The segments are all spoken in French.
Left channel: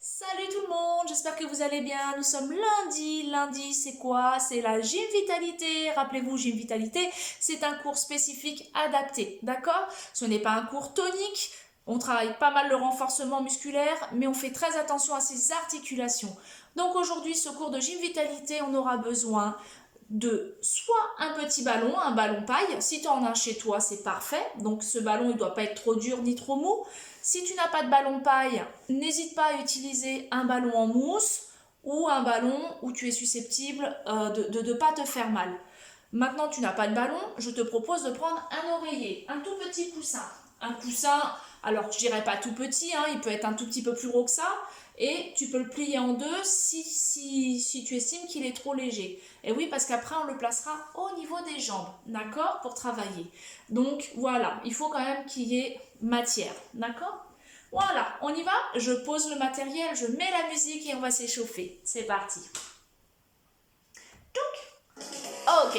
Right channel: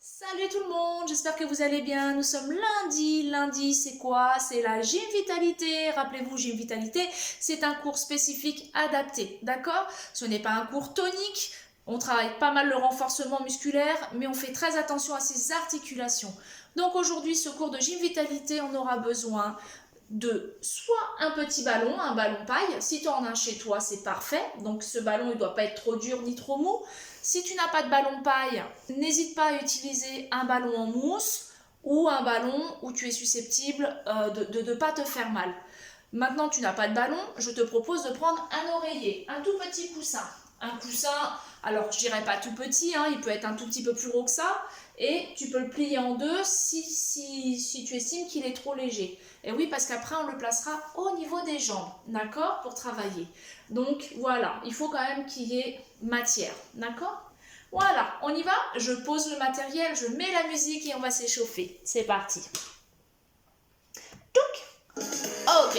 Salut tout le monde, j'espère que vous allez bien. Nous sommes lundi. Lundi, c'est quoi? C'est la Gym Vitalité. Rappelez-vous, Gym Vitalité, c'est un cours spécifique adapté, d'accord? Ce n'est pas un cours tonique. On travaille pas mal le renforcement musculaire, mais on fait très attention à ses articulations. Donc aujourd'hui, ce cours de Gym Vitalité, on aura besoin de soit un petit ballon, un ballon paille. Si tu en as un chez toi, c'est parfait. Donc ce ballon, il ne doit pas être trop dur ni trop mou. Si tu n'as pas de ballon paille, n'hésite pas à utiliser un ballon en mousse ou un ballon où tu es susceptible de ne pas te faire mal. Maintenant, tu n'as pas de ballon, je te propose de prendre un oreiller, un tout petit coussin. Un coussin, alors je dirais pas tout petit, hein, il peut être un tout petit peu plus gros que ça, et tu peux le plier en deux si tu estimes qu'il est trop léger. Et oui, parce qu'après, on le placera au niveau des jambes, d'accord, pour travailler. Donc voilà, il faut quand même qu'il y ait matière, d'accord? Voilà, on y va? Je pose le matériel, je mets la musique et on va s'échauffer. C'est parti. Ok.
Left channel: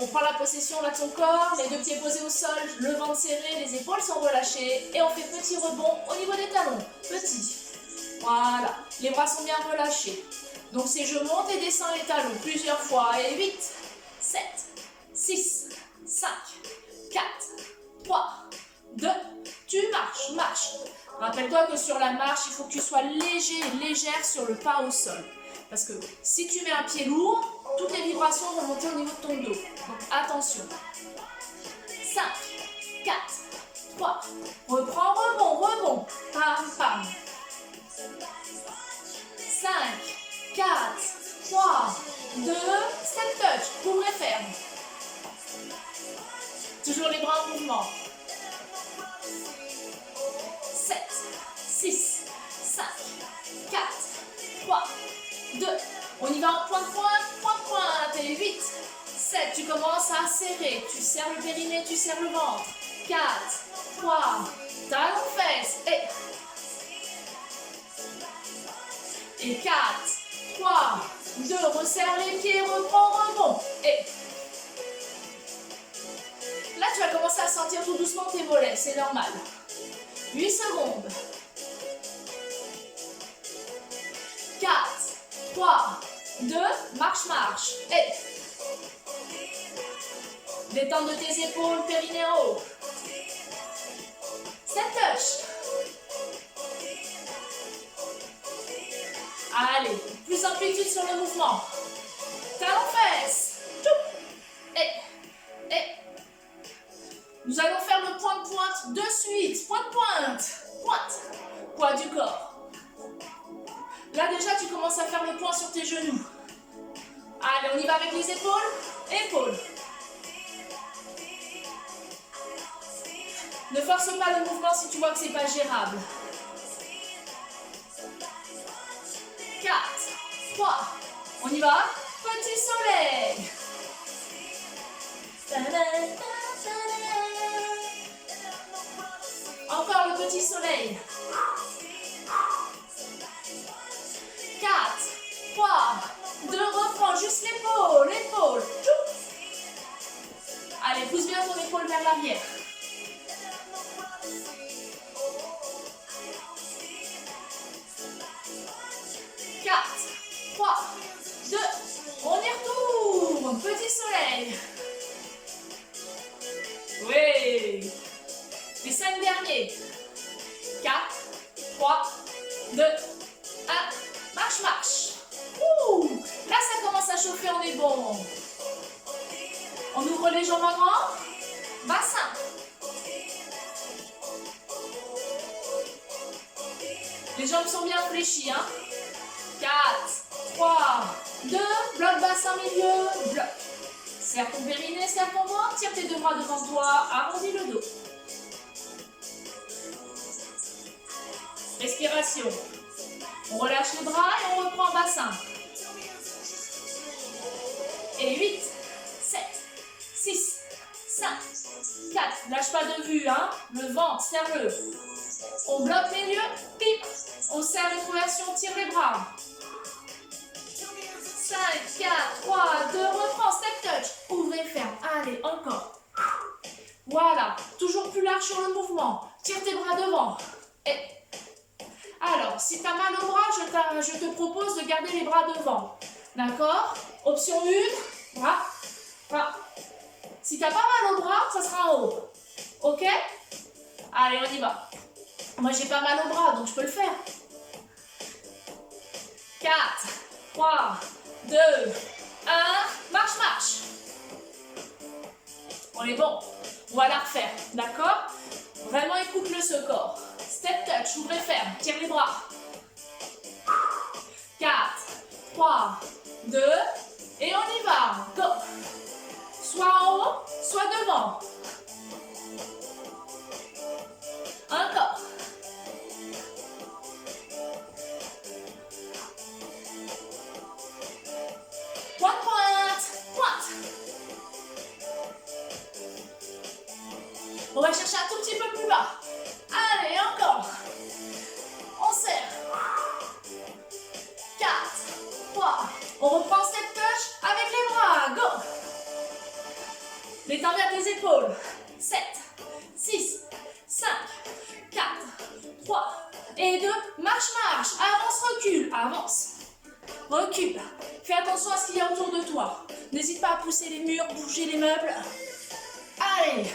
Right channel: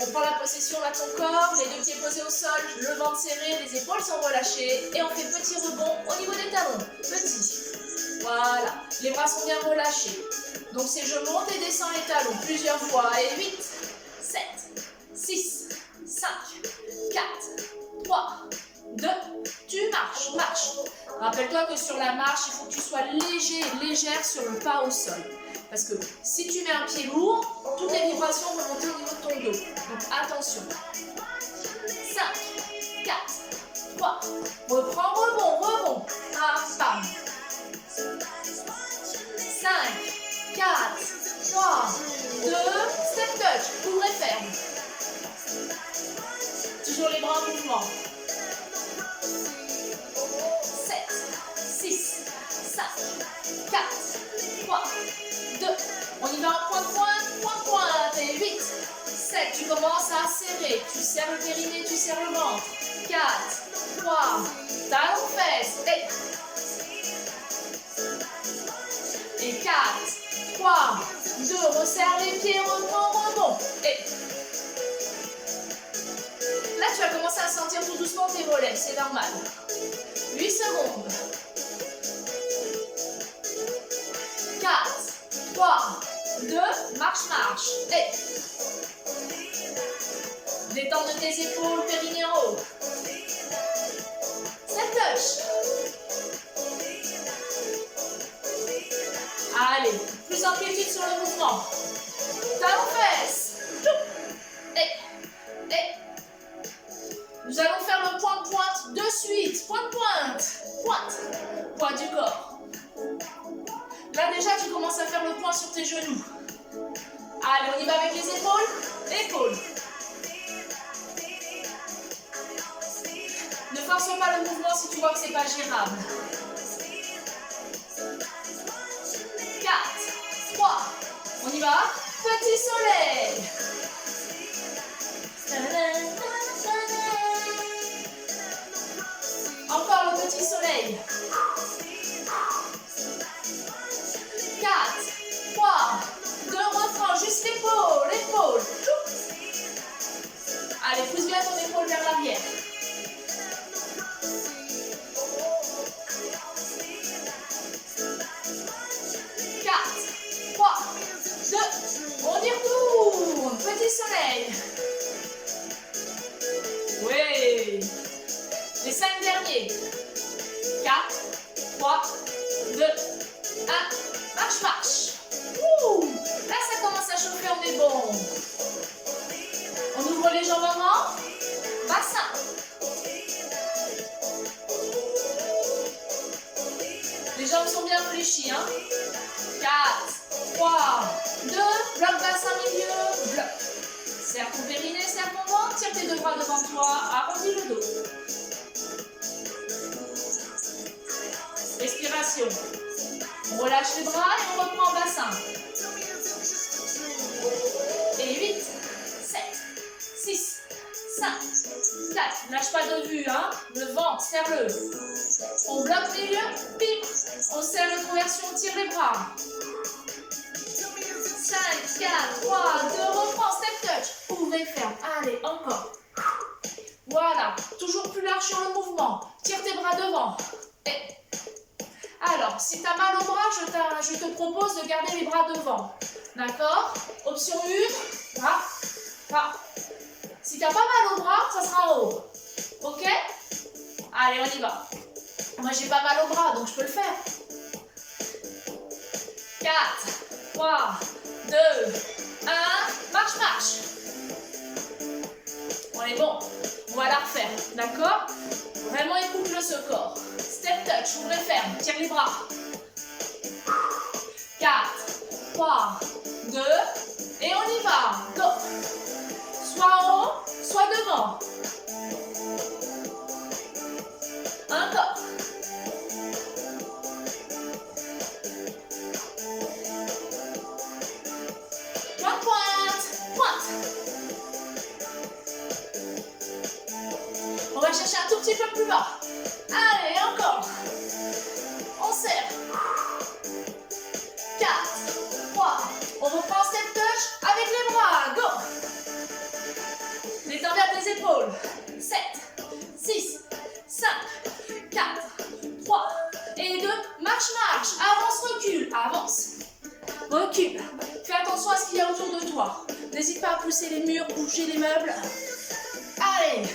On prend la possession là de ton corps, les deux pieds posés au sol, le ventre serré, les épaules sont relâchées et on fait petit rebond au niveau des talons. Petit. Voilà. Les bras sont bien relâchés. Donc c'est je monte et descends les talons plusieurs fois. Et 8, 7, 6, 5, 4, 3, 2, tu marches. Rappelle-toi que sur la marche, il faut que tu sois léger et légère sur le pas au sol. Parce que si tu mets un pied lourd, toutes les vibrations vont monter au niveau de ton dos. Donc attention. 5, 4, 3, reprends, rebond. Pam, pam. 5, 4, 3, 2, step touch, ouvre et ferme. Toujours les bras en mouvement. 7, 6, 5, 4, 3, 2, on y va en pointe, et 8, 7, tu commences à serrer, tu serres le périnée, tu serres le ventre, 4, 3, talons fesses, et 4, 3, 2, resserre les pieds, reprends, rebond, et là tu vas commencer à sentir tout doucement tes mollets, c'est normal, 8 secondes, 4, 3, 2, marche, et détente de tes épaules, périnée en haut, step touch, allez, plus d'amplitude sur le mouvement, talons fesses, et nous allons faire le pointe de suite, pointe, poids du corps. Là déjà tu commences à faire le point sur tes genoux. Allez, on y va avec les épaules. Ne force pas le mouvement si tu vois que c'est pas gérable. 4, 3, on y va. Petit soleil. Encore le petit soleil. 4, 3, 2, reprends juste l'épaule. Allez, pousse bien ton épaule vers l'arrière. 4, 3, 2, on y retourne. Petit soleil. Oui. Les 5 derniers. 4, 3, 2, 1. Marche. Ouh, là, ça commence à chauffer, on est bon. On ouvre les jambes avant. Bassin. Les jambes sont bien fléchies. 4, 3, 2, bloc bassin milieu, bloc. Serre ton périnée, serre ton ventre, tire tes deux bras devant toi, arrondis le dos. Respiration. On relâche les bras et on reprend bassin. Et 8, 7, 6, 5, 4. Lâche pas de vue, Le ventre, serre-le. On bloque les yeux, pip. On serre les conversions, on tire les bras. 5, 4, 3, 2, reprends, step touch. Ouvre et ferme. Allez, encore. Voilà. Toujours plus large sur le mouvement. Tire tes bras devant. Et Alors, si tu as mal au bras, je te propose de garder les bras devant. D'accord? Option 1, bras. Si tu n'as pas mal au bras, ça sera en haut. Ok? Allez, on y va. Moi, j'ai pas mal au bras, donc je peux le faire. 4, 3, 2, 1, marche. On est bon. On va la refaire, d'accord? Vraiment, écoute-le ce corps. Step touch, ouvre et ferme, tire les bras. 4, 3, 2, et on y va. Go. Soit en haut, soit devant. Encore. Pointe. On va chercher un tout petit peu plus bas. Allez, encore. On serre. 4, 3. On reprend step touch avec les bras. Go. Détends bien tes épaules. 7, 6, 5, 4, 3 et 2. Marche. Avance. Recule. Fais attention à ce qu'il y a autour de toi. N'hésite pas à pousser les murs, bouger les meubles. Allez.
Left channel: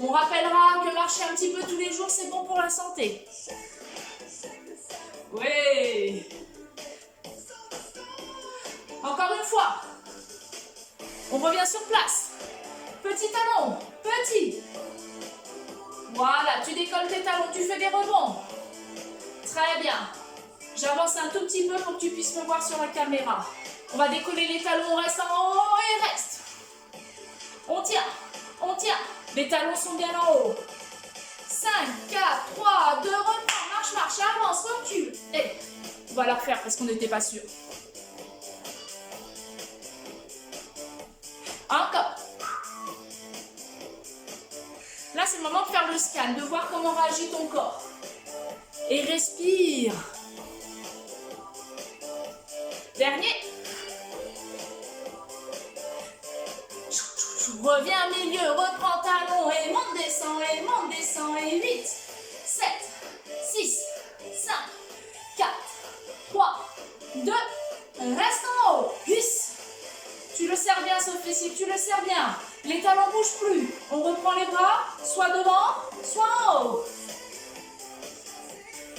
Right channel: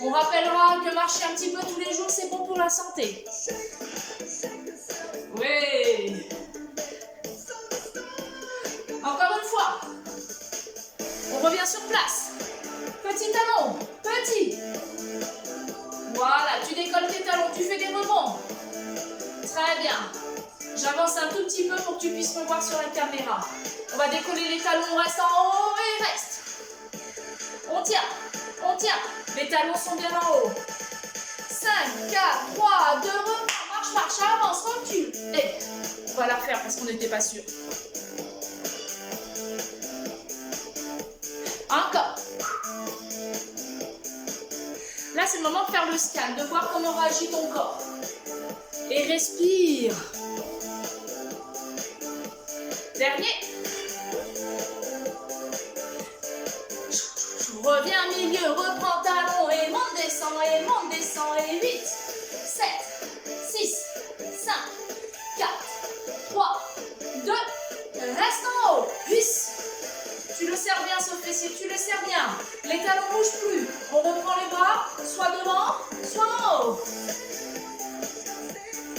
On rappellera que marcher un petit peu tous les jours, c'est bon pour la santé. Oui. Encore une fois. On revient sur place. Petit talon. Petit. Voilà, tu décolles tes talons, tu fais des rebonds. Très bien. J'avance un tout petit peu pour que tu puisses me voir sur la caméra. On va décoller les talons, on reste en haut et reste. On tient. Les talons sont bien en haut. 5, 4, 3, 2, reprends, marche, avance, recule. Et on va la refaire parce qu'on n'était pas sûr. Encore. Là, c'est le moment de faire le scan, de voir comment réagit ton corps. Et respire. Dernier. Reviens milieu, reprends talon et monte, descend et 8, 7, 6, 5, 4, 3, 2, reste en haut, 10. Tu le serres bien ce fessier, tu le serres bien. Les talons ne bougent plus. On reprend les bras, soit devant, soit en haut.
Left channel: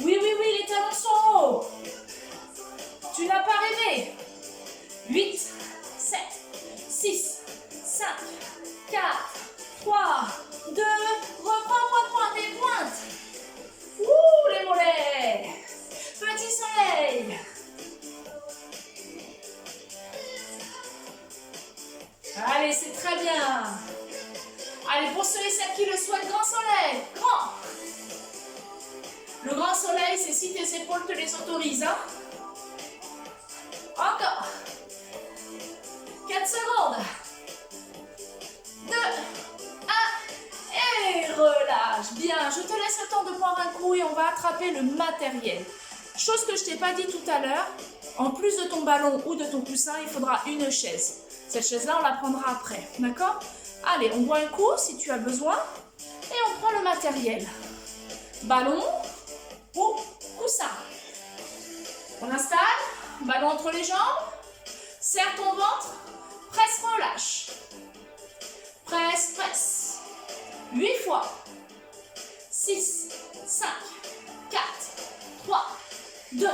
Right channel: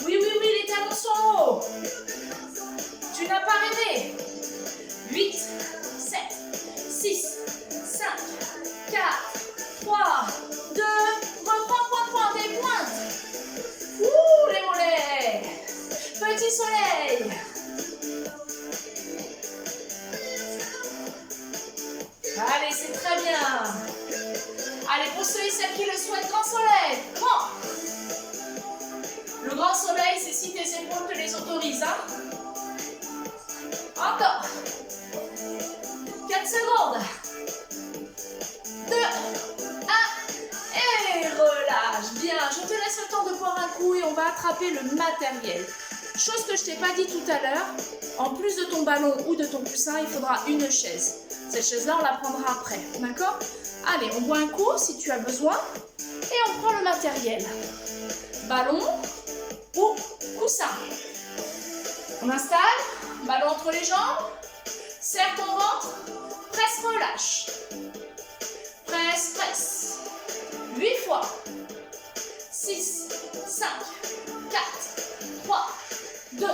Oui, les talons sont en haut. Tu n'as pas rêvé. 8, 7, 6, 5, 4, 3, 2, reprends, pointe et pointe. Ouh, les mollets. Petit soleil. Allez, c'est très bien. Allez, pour ceux et celles qui le souhaitent, grand soleil. Grand. Le grand soleil, c'est si tes épaules te les autorisent. Hein? Encore. 4 secondes. 2, 1. Et relâche. Bien, je te laisse le temps de boire un coup et on va attraper le matériel. Chose que je t'ai pas dit tout à l'heure, en plus de ton ballon ou de ton coussin, il faudra une chaise. Cette chaise-là, on la prendra après, d'accord? Allez, on boit un coup si tu as besoin et on prend le matériel. Ballon ou coussin. On installe, ballon entre les jambes, serre ton ventre, presse, relâche. Presse. 8 fois. 6, 5, 4, 3, 2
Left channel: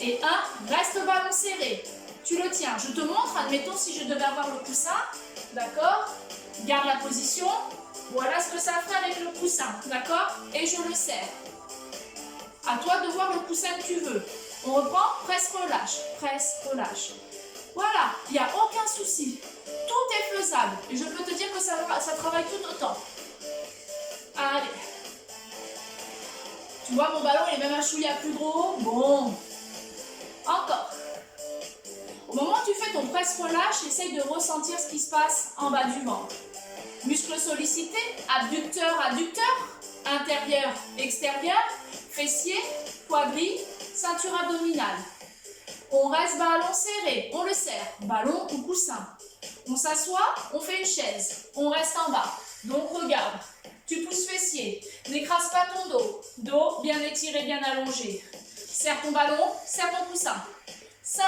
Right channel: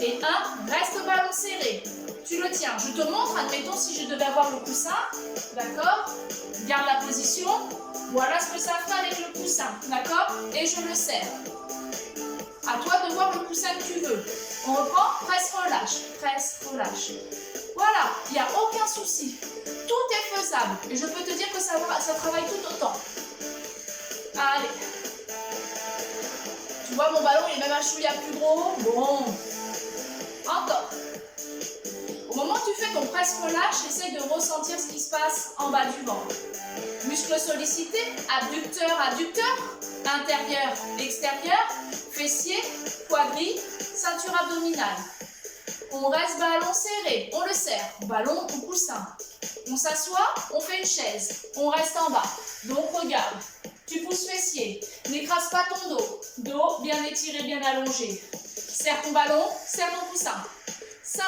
et 1. Reste ballon serré. Tu le tiens. Je te montre, admettons si je devais avoir le coussin. D'accord? Garde la position. Voilà ce que ça fait avec le coussin. D'accord? Et je le serre. À toi de voir le coussin que tu veux. On reprend. Presse, relâche. Voilà. Il n'y a aucun souci. Tout est faisable. Et je peux te dire que ça travaille tout autant. Allez. Tu vois, mon ballon, il est même un chouïa plus gros. Bon. Encore. Au moment où tu fais ton presse-relâche, essaye de ressentir ce qui se passe en bas du ventre. Muscles sollicités, abducteur, intérieur, extérieur, fessier, quadri, ceinture abdominale. On reste ballon serré, on le serre, ballon ou coussin. On s'assoit, on fait une chaise, on reste en bas. Donc regarde, Tu pousses fessier. N'écrase pas ton dos. Dos bien étiré, bien allongé. Serre ton ballon, serre ton coussin. 5,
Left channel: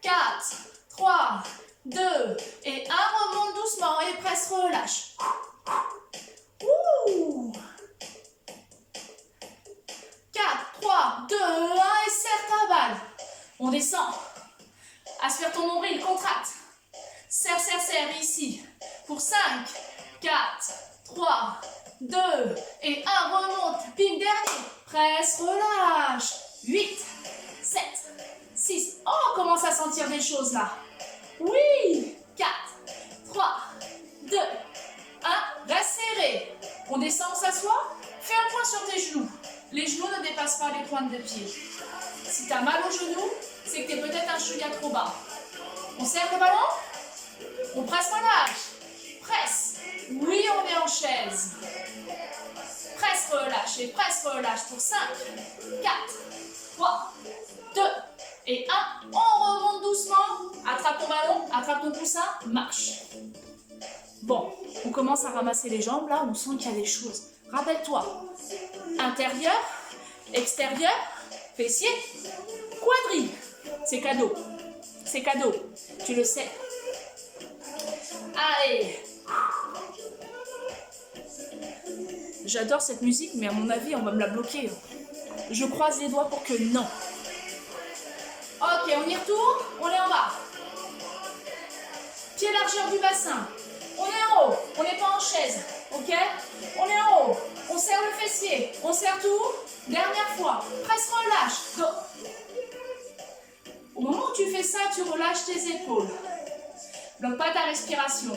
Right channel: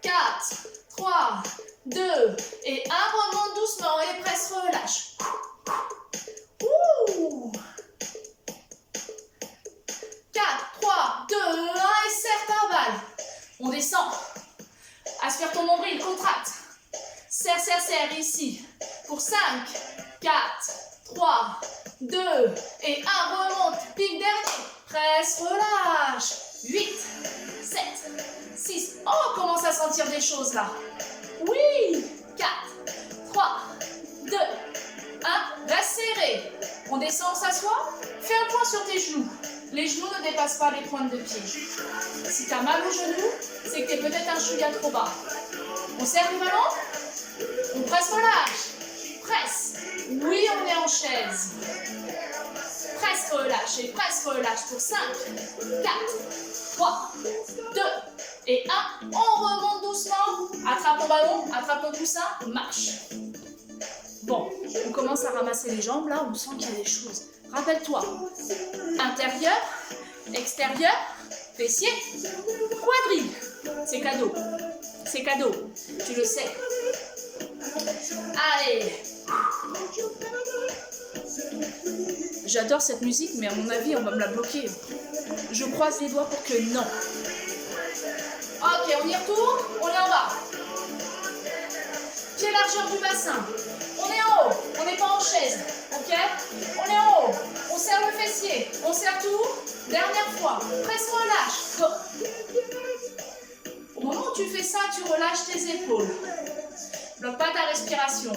4, 3, 2 et 1. Remonte doucement et presse, relâche. Ouh. 4, 3, 2, 1 et serre ta balle. On descend. Aspire ton nombril, contracte. Serre, serre, serre ici. Pour 5, 4, 3, 2 et 1. Remonte. Pique dernier. Presse, relâche. 8, 7, 6. Oh, on commence à sentir des choses là. Oui. 4, 3, 2, 1. Reste serré. On descend, on s'assoit. Fais un point sur tes genoux. Les genoux ne dépassent pas les pointes de pied. Si tu as mal aux genoux, c'est que tu es peut-être un chouïa trop bas. On serre le ballon. On presse, relâche. Presse. Oui, on est en chaise. Presse, relâche et presse, relâche pour 5, 4, 3, 2 et 1. On remonte doucement. Attrape ton ballon, attrape ton coussin, marche. Bon, on commence à ramasser les jambes. Là, on sent qu'il y a des choses. Rappelle-toi, intérieur, extérieur, fessier, quadrille. C'est cadeau. C'est cadeau. Tu le sais. Allez. J'adore cette musique, mais à mon avis, on va me la bloquer. Je croise les doigts pour que non. Ok, on y retourne. On est en bas. Pied largeur du bassin. On est en haut. On n'est pas en chaise. Ok? On est en haut. On serre le fessier. On serre tout. Dernière fois. Presse, relâche. Go. Au moment où tu fais ça, tu relâches tes épaules. Bloque pas ta respiration.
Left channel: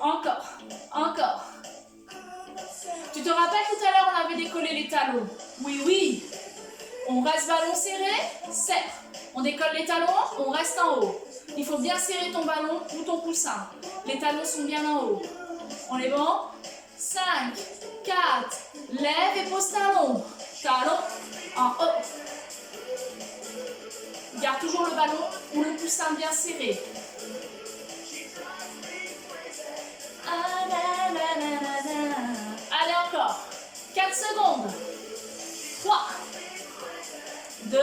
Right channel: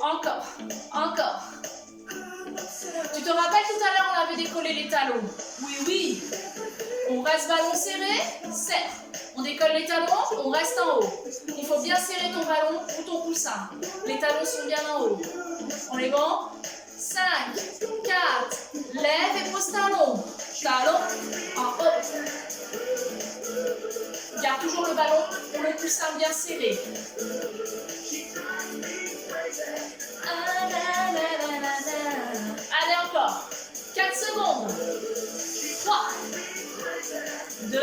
Encore. Encore. Tu te rappelles tout à l'heure, on avait décollé les talons. Oui, oui. On reste ballon serré. Serre. On décolle les talons, on reste en haut. Il faut bien serrer ton ballon ou ton coussin. Les talons sont bien en haut. On est bon? 5, 4, lève et pose talon. Talon en haut. Garde toujours le ballon ou le coussin bien serré. Allez encore. 4 secondes. 3, 2,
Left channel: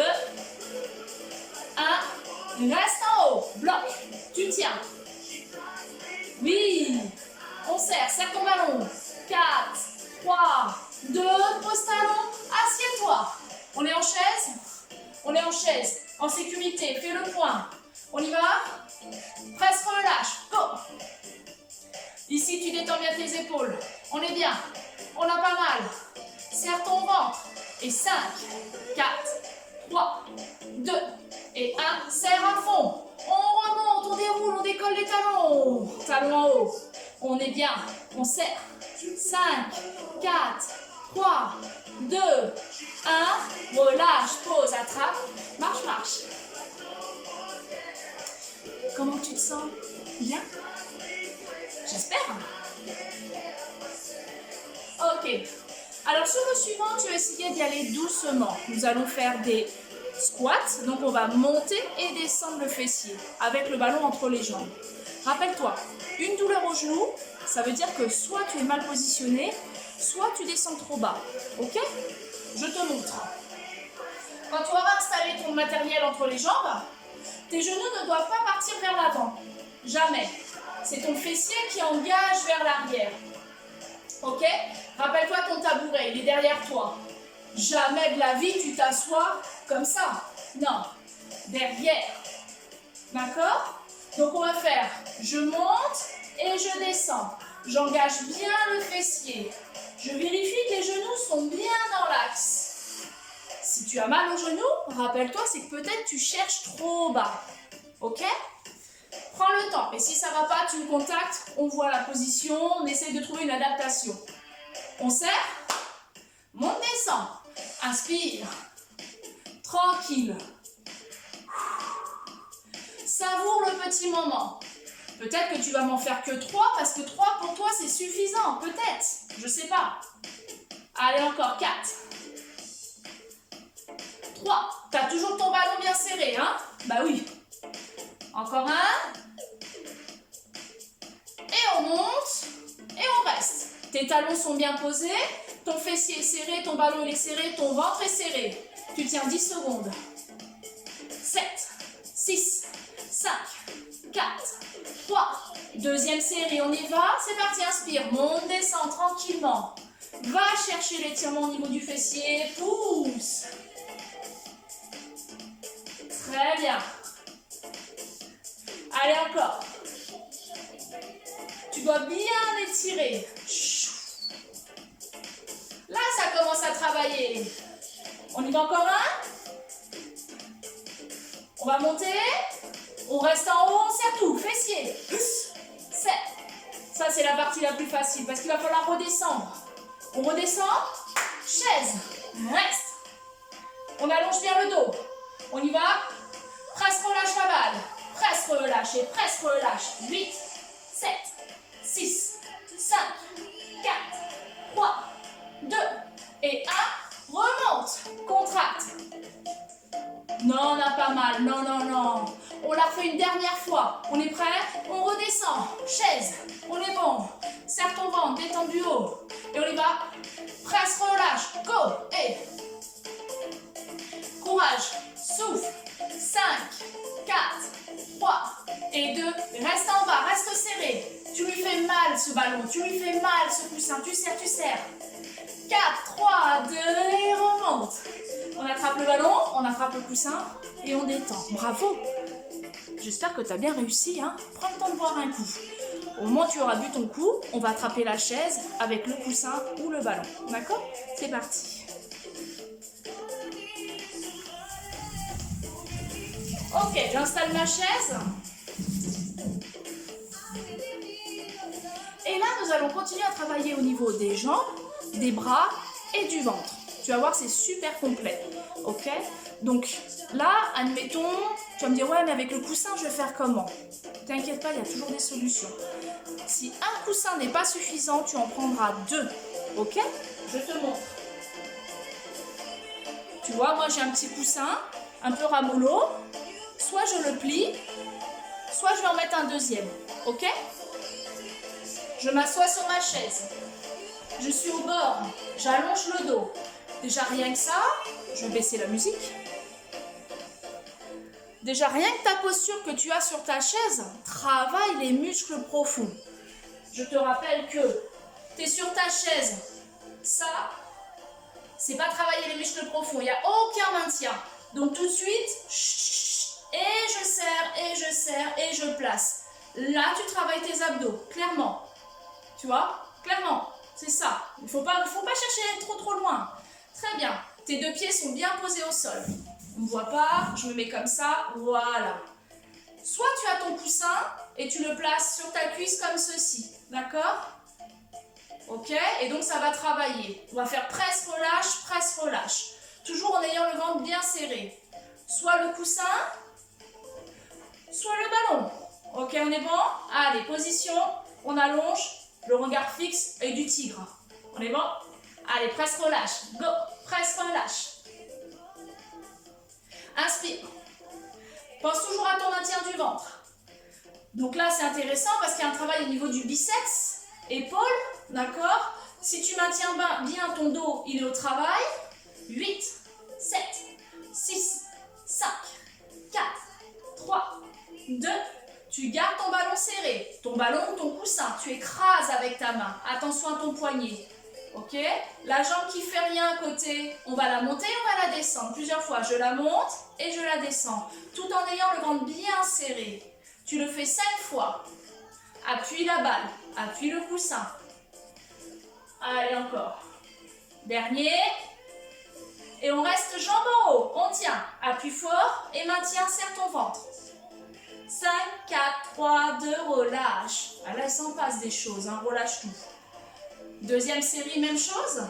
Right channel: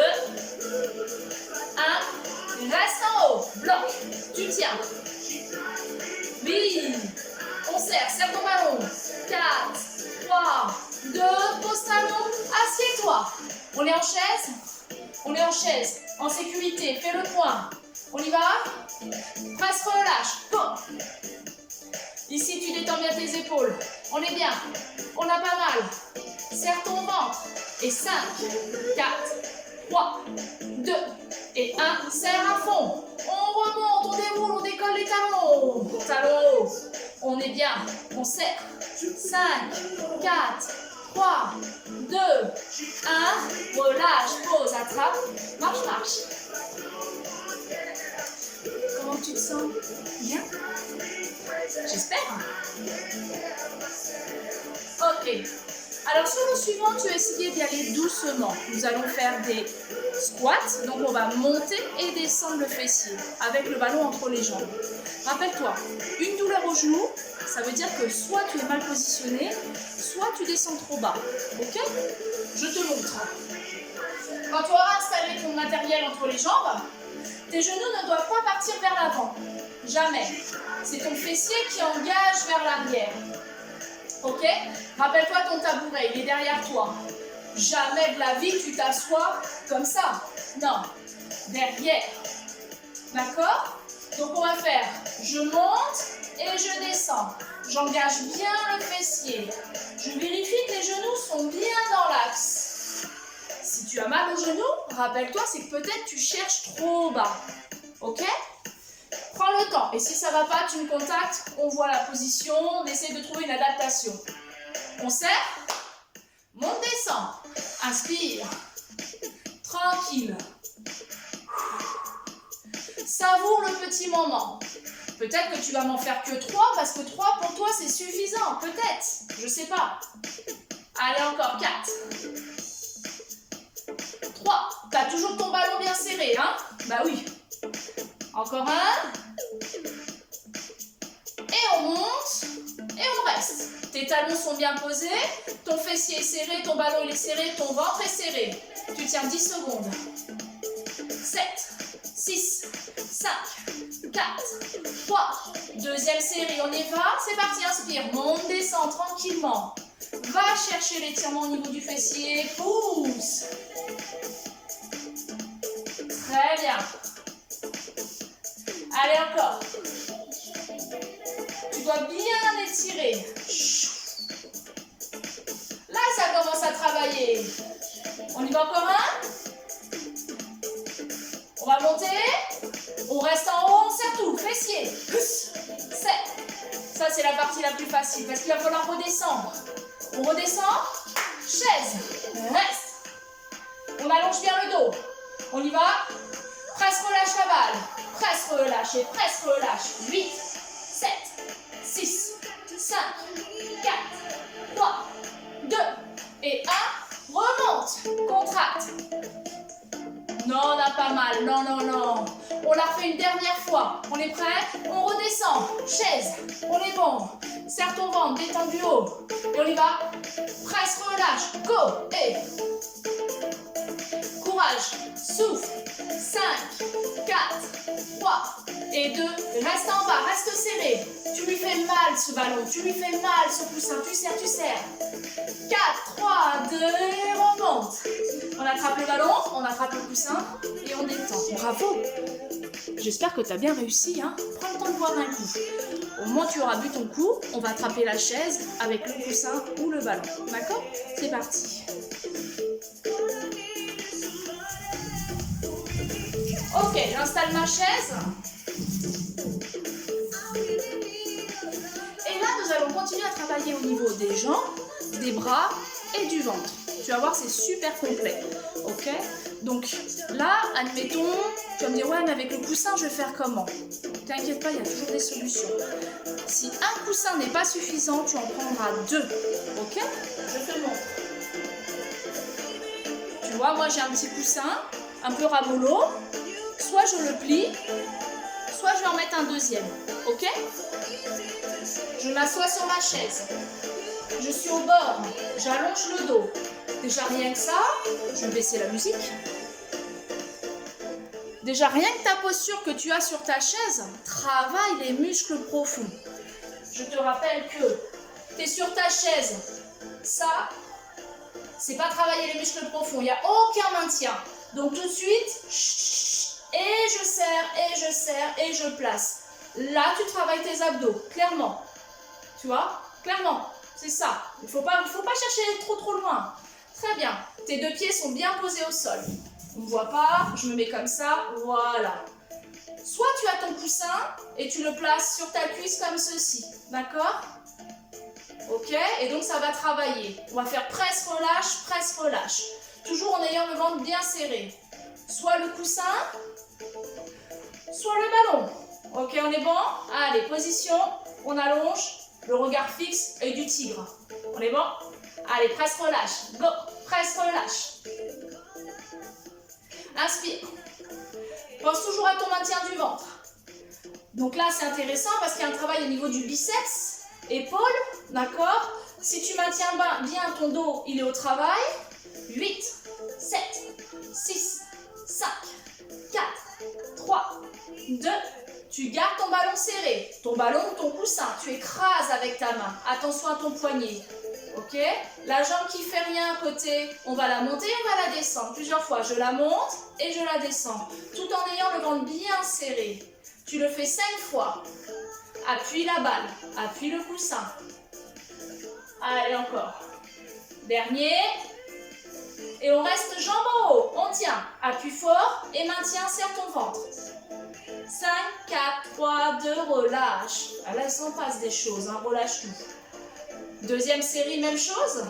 1. Reste en haut. Bloc. Tu tiens. Oui. On serre. Serre ton ballon. 4, 3, 2. Pose talon. Assieds-toi. On est en chaise? On est en chaise. En sécurité. Fais le point. On y va? Presse, relâche. Go. Ici, tu détends bien tes épaules. On est bien. On a pas mal. Serre ton ventre. Et 5, 4, 3, 2 et 1. Serre à fond. On remonte, on déroule, on décolle les talons. Talons en haut. On est bien. On serre. 5, 4, 3, 2, 1. Relâche, pose, attrape. Marche, marche. Comment tu te sens? Bien? J'espère. Ok. Alors sur le suivant, tu vas essayer d'y aller doucement. Nous allons faire des squats. Donc on va monter et descendre le fessier avec le ballon entre les jambes. Rappelle-toi, une douleur au genou, ça veut dire que soit tu es mal positionné, soit tu descends trop bas. Ok? Je te montre. Quand tu auras installé ton matériel entre les jambes, tes genoux ne doivent pas partir vers l'avant. Jamais. C'est ton fessier qui engage vers l'arrière. Ok? Rappelle-toi ton tabouret, il est derrière toi. Jamais de la vie tu t'assois comme ça. Non. Derrière. D'accord? Donc on va faire, je monte et je descends. J'engage bien le fessier. Je vérifie que les genoux sont bien dans l'axe. Si tu as mal aux genoux, rappelle-toi, c'est que peut-être tu cherches trop bas. Ok? Prends le temps. Et si ça ne va pas, tu me contactes. On voit la position. On essaie de trouver une adaptation. On serre. Monte, descend. Inspire. Tranquille. Savoure le petit moment. Peut-être que tu vas m'en faire que 3 parce que 3 pour toi c'est suffisant. Peut-être. Je sais pas. Allez, encore 4. 3. Tu as toujours ton ballon bien serré, hein? Bah oui. Encore un. Et on monte. Et reste. Tes talons sont bien posés, ton fessier est serré, ton ballon il est serré, ton ventre est serré. Tu tiens 10 secondes. 7, 6, 5, 4, 3. Deuxième série, on y va. C'est parti, inspire, monte, descend tranquillement. Va chercher l'étirement au niveau du fessier, pousse. Très bien. Allez, encore. Tu dois bien étirer. Là, ça commence à travailler. On y va encore un. On va monter. On reste en haut, on serre tout. Fessier. 7. Ça, c'est la partie la plus facile parce qu'il va falloir redescendre. On redescend. Chaise. Reste. On allonge bien le dos. On y va. Presse, relâche la balle. Presse, relâche et presse, relâche. 8, 7, 6, 5, 4, 3, 2 et 1. Remonte. Contracte. Non, on n'a pas mal. Non, non, non. On la refait une dernière fois. On est prêt? On redescend. Chaise. On est bon. Serre ton ventre, détends du haut. Et on y va. Presse, relâche. Go. Et courage. Souffle. 5, 4, 3 et 2. Reste en bas, reste serré. Tu lui fais mal ce ballon. Tu lui fais mal ce coussin. Tu serres, tu serres. 4, 3, 2 et remonte. On attrape le ballon, on attrape le coussin et on détend. Bravo! J'espère que tu as bien réussi. Hein. Prends le temps de boire un coup. Au moins tu auras bu ton coup, on va attraper la chaise avec le coussin ou le ballon. D'accord? C'est parti. Ok, j'installe ma chaise. Et là, nous allons continuer à travailler au niveau des jambes, des bras et du ventre. Tu vas voir, c'est super complet. Ok? Donc là, admettons, tu vas me dire, ouais, mais avec le coussin, je vais faire comment? T'inquiète pas, il y a toujours des solutions. Si un coussin n'est pas suffisant, tu en prendras 2. Ok? Je te montre. Tu vois, moi, j'ai un petit coussin, un peu ramollo. Soit je le plie, soit je vais en mettre un deuxième. Ok? Je m'assois sur ma chaise. Je suis au bord. J'allonge le dos. Déjà rien que ça, je vais baisser la musique. Déjà rien que ta posture que tu as sur ta chaise travaille les muscles profonds. Je te rappelle que tu es sur ta chaise. Ça, c'est pas travailler les muscles profonds. Il n'y a aucun maintien. Donc tout de suite, et je serre, et je place. Là, tu travailles tes abdos, clairement. Tu vois? Clairement, c'est ça. Il ne faut pas chercher trop loin. Très bien. Tes deux pieds sont bien posés au sol. On ne voit pas, je me mets comme ça, voilà. Soit tu as ton coussin et tu le places sur ta cuisse comme ceci, d'accord? Ok? Et donc ça va travailler. On va faire presse, relâche. Toujours en ayant le ventre bien serré. Soit le coussin, soit le ballon. Ok, on est bon? Allez, position, on allonge, le regard fixe et du tigre. On est bon? Allez, presse, relâche. Go! Presse, relâche. Inspire. Pense toujours à ton maintien du ventre. Donc là, c'est intéressant parce qu'il y a un travail au niveau du biceps, épaule, d'accord? Si tu maintiens bien ton dos, il est au travail. 8, 7, 6, 5, 4, 3, 2. Tu gardes ton ballon serré, ton ballon ou ton coussin. Tu écrases avec ta main. Attention à ton poignet. Ok? La jambe qui fait rien à côté, on va la monter, on va la descendre plusieurs fois. Je la monte et je la descends, tout en ayant le ventre bien serré. Tu le fais 5 fois. Appuie la balle, appuie le coussin. Allez, encore. Dernier. Et on reste jambes en haut. On tient. Appuie fort et maintiens, serre ton ventre. 5, 4, 3, 2, relâche. Ah, là, il s'en passe des choses, hein, relâche tout. Deuxième série, même chose.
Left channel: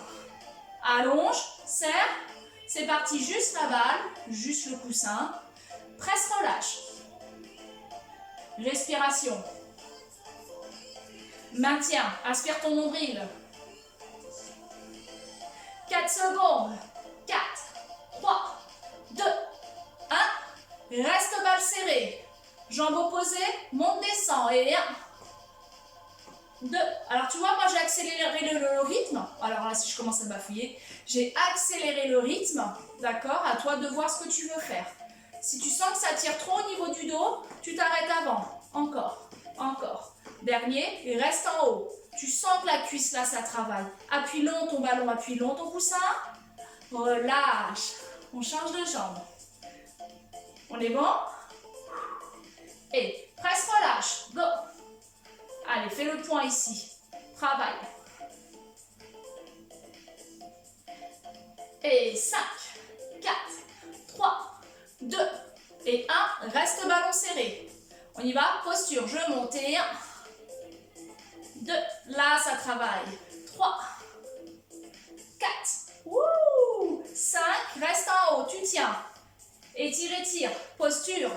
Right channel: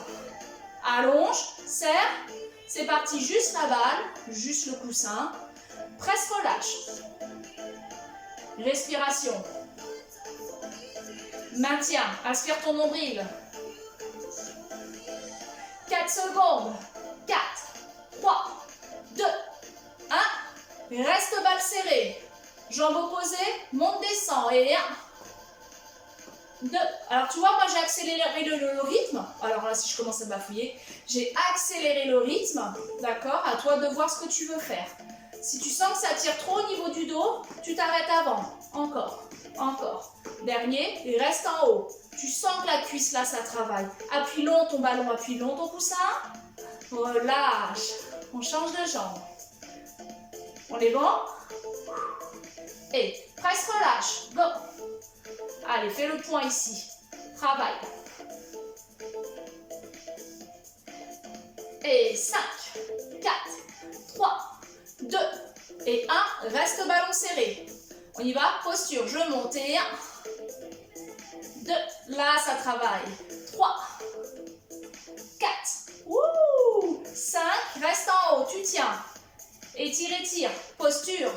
Allonge, serre. C'est parti, juste la balle, juste le coussin. Presse, relâche. Respiration. Maintiens, aspire ton nombril. 4 secondes. 4, 3, 2, 1. Reste balle serrée. Jambes opposées, monte, descend. Et 1, 2. Alors tu vois, moi j'ai accéléré le rythme. Alors là, si je commence à bafouiller, j'ai accéléré le rythme. D'accord? À toi de voir ce que tu veux faire. Si tu sens que ça tire trop au niveau du dos, tu t'arrêtes avant. Encore, encore. Dernier, et reste en haut. Tu sens que la cuisse là, ça travaille. Appuie long ton ballon, appuie long ton coussin. Relâche. On change de jambe. On est bon? Et presse, relâche. Go. Allez, fais le point ici. Travaille. Et 5, 4, 3, 2 et 1. Reste ballon serré. On y va. Posture. Je monte. Et 1, 2. Là, ça travaille. 3, 4. Ouh. 5. Reste en haut. Tu tiens. Étire, étire. Posture.